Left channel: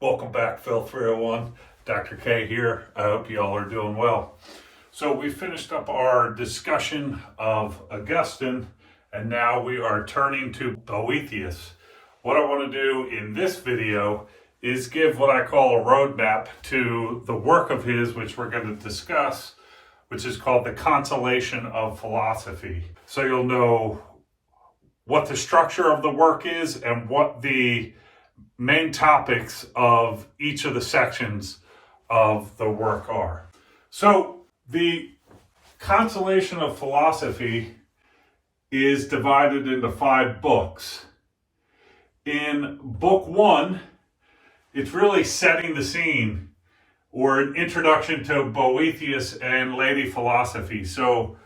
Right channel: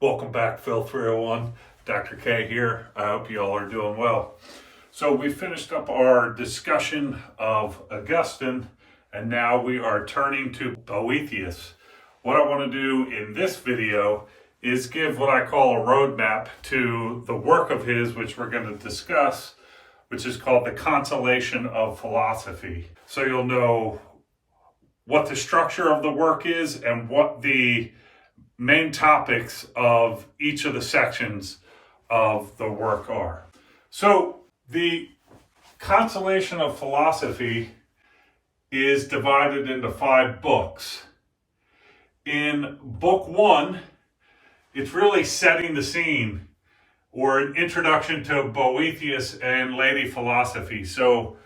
Welcome back, Phil 301. Dr. K here. I hope you all are doing well. So we finished up our discussion of Augustine, and now we are turning to Boethius. What I want to do in this video is give what I call a roadmap to the work of his, which we're going to discuss, which is called the Consolation of Philosophy. So you'll know what the structure of the work is and what the main topics of each of the sections of the work are. So the Consolation of Philosophy is divided into 5 books. In book 1, it's really setting the scene, or an introduction to Boethius and Lady Philosophy. So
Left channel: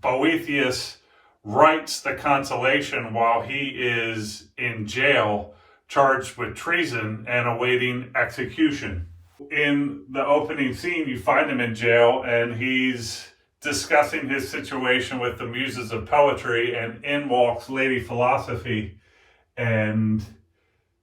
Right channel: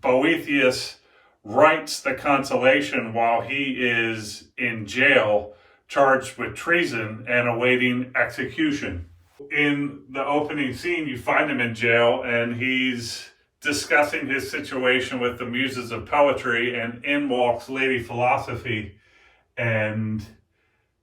Boethius writes the Consolation while he is in jail, charged with treason and awaiting execution. In the opening scene, you find him in jail and he's discussing his situation with the muses of poetry, and in walks Lady Philosophy and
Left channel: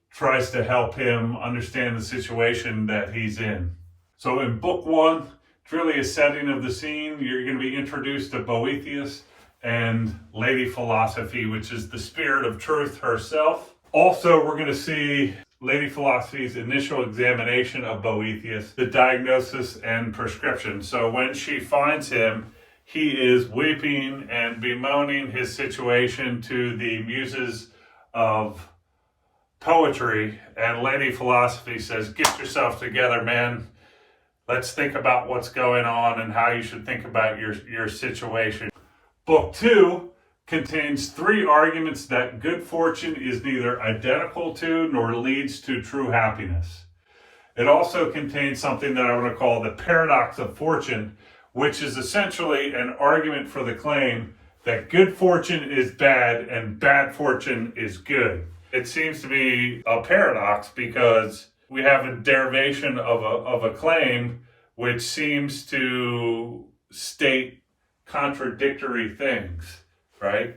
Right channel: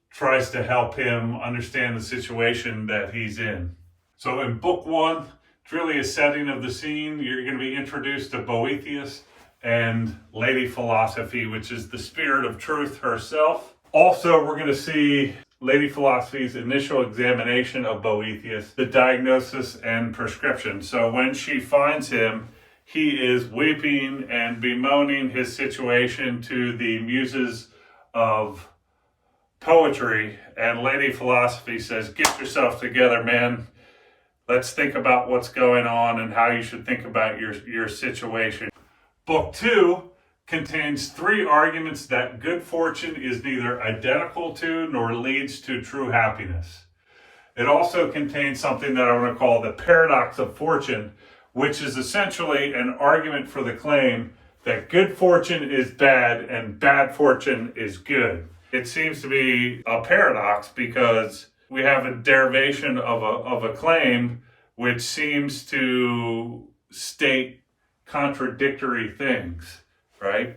tries to help him understand the situation that he's in. So in book 1, it's really a setting of the scene. You're going to be introduced to Boethius and Lady Philosophy, which is the spirit of truth herself. Also, we're going to see Lady Philosophy's initial examination of Boethius, the diagnosis and prescription. So when she finds him, he is weeping and bemoaning his situation to the muses of poetry, and Lady Philosophy says, "Get yourself together, man. Let's think about what's going on and how you should think about your situation." Book 2 contains 3 arguments that good fortune is neither identical to nor leads to true happiness. It also contains something that I want to call the paradox of fortune, which is essentially an argument for the claim that good fortune is bad and bad fortune is good. It seems to be a paradox because we have a derivation of a claim which seems to state contradictory things, right?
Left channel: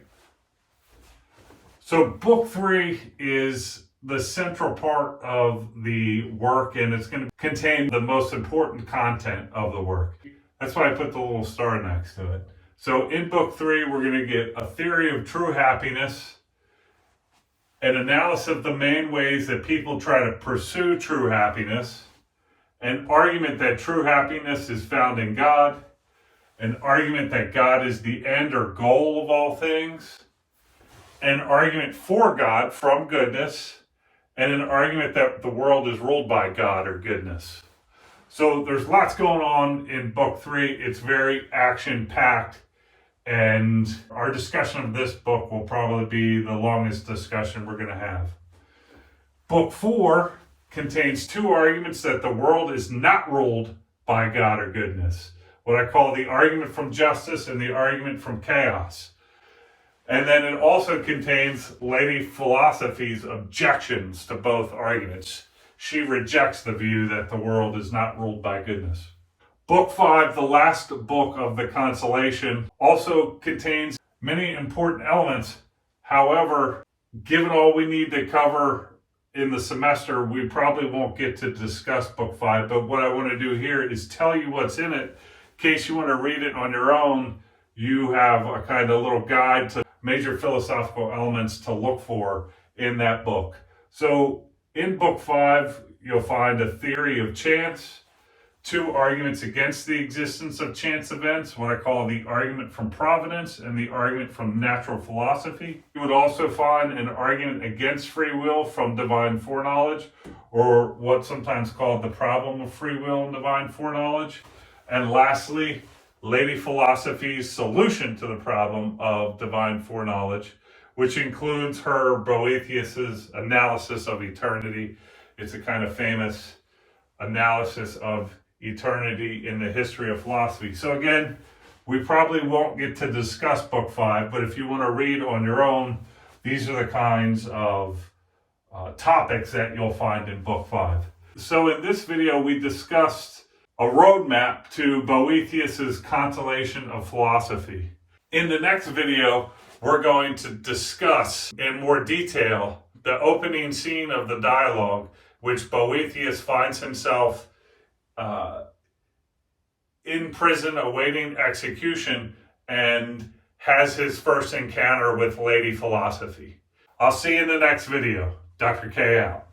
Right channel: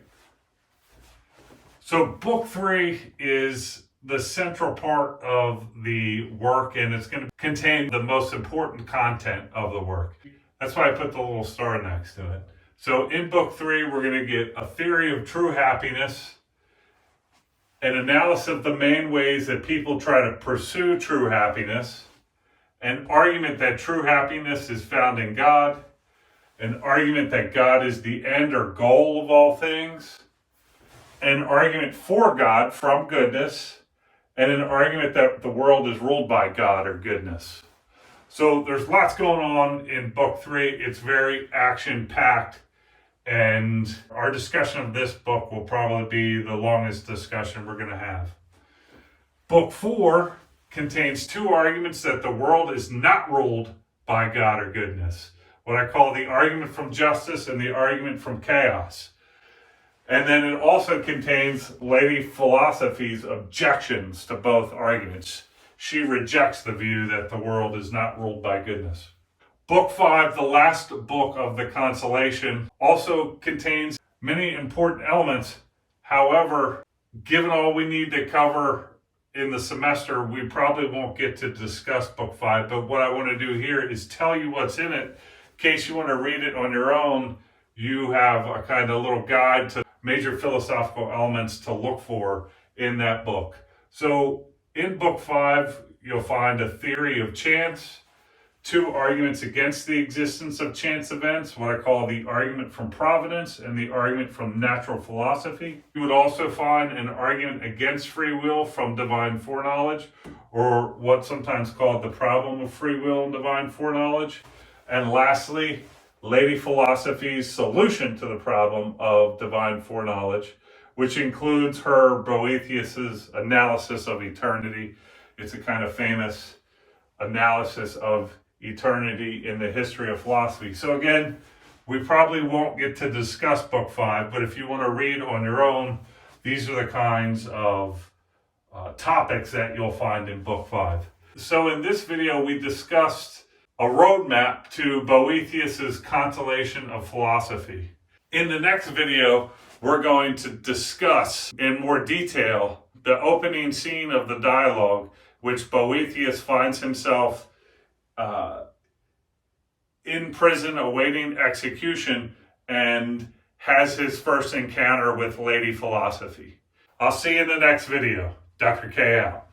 So book 3 is the central part of the work, and it's going to contain the most important content of the work. That's why I put the little star next to it. So in book 3, we're going to get a theory of true happiness, an analysis of the main ways that people try to pursue true happiness, an argument that true happiness is found in God, an argument that God is the end or goal of all things, an argument for God from goodness, and an argument that the world is ruled by God or goodness. So there's lots going on in book 3. It's very action-packed, and our discussion of this book will probably be the longest discussion we're going to have. Book 4 contains 2 arguments that the world is not ruled by God or goodness, what I call the argument from justice and the argument from chaos. And then it also contains Lady Philosophy's objections to both arguments. She rejects the view that the world is not ruled by goodness. Book 5, the last book of the Consolation, also contains many important elements. However, given all we need to cover in the semester, we probably won't get to discuss book 5. But what I want to do here is tell you what's in it. In case you want to read it on your own, you have a kind of little guide to major philosophical elements to look for in that book. So in book 5, you'll find a theory of chance, 2 arguments against the existence of chance events, what I call the argument from providence and the argument from natural philosophy. You would also find an argument against free will from divine foreknowledge, or what's sometimes called the problem of free will and divine foreknowledge. And lastly, Lady Philosophy's solution to the problem of divine foreknowledge, which includes her Boethius's analysis of eternity. It's a kind of famous analysis of eternity in the history of philosophy. So again, we probably won't get to discuss book 5, but if you want to read on your own, these are the kinds of topics that you'll find in book 5. So in this video, we discussed a roadmap to Boethius's Consolation of Philosophy. In the next video, we're going to discuss in more detail the opening scene of the dialogue which Boethius finds himself in prison awaiting execution and has his first encounter with Lady Philosophy. I'll see you in the next video. Dr. K out.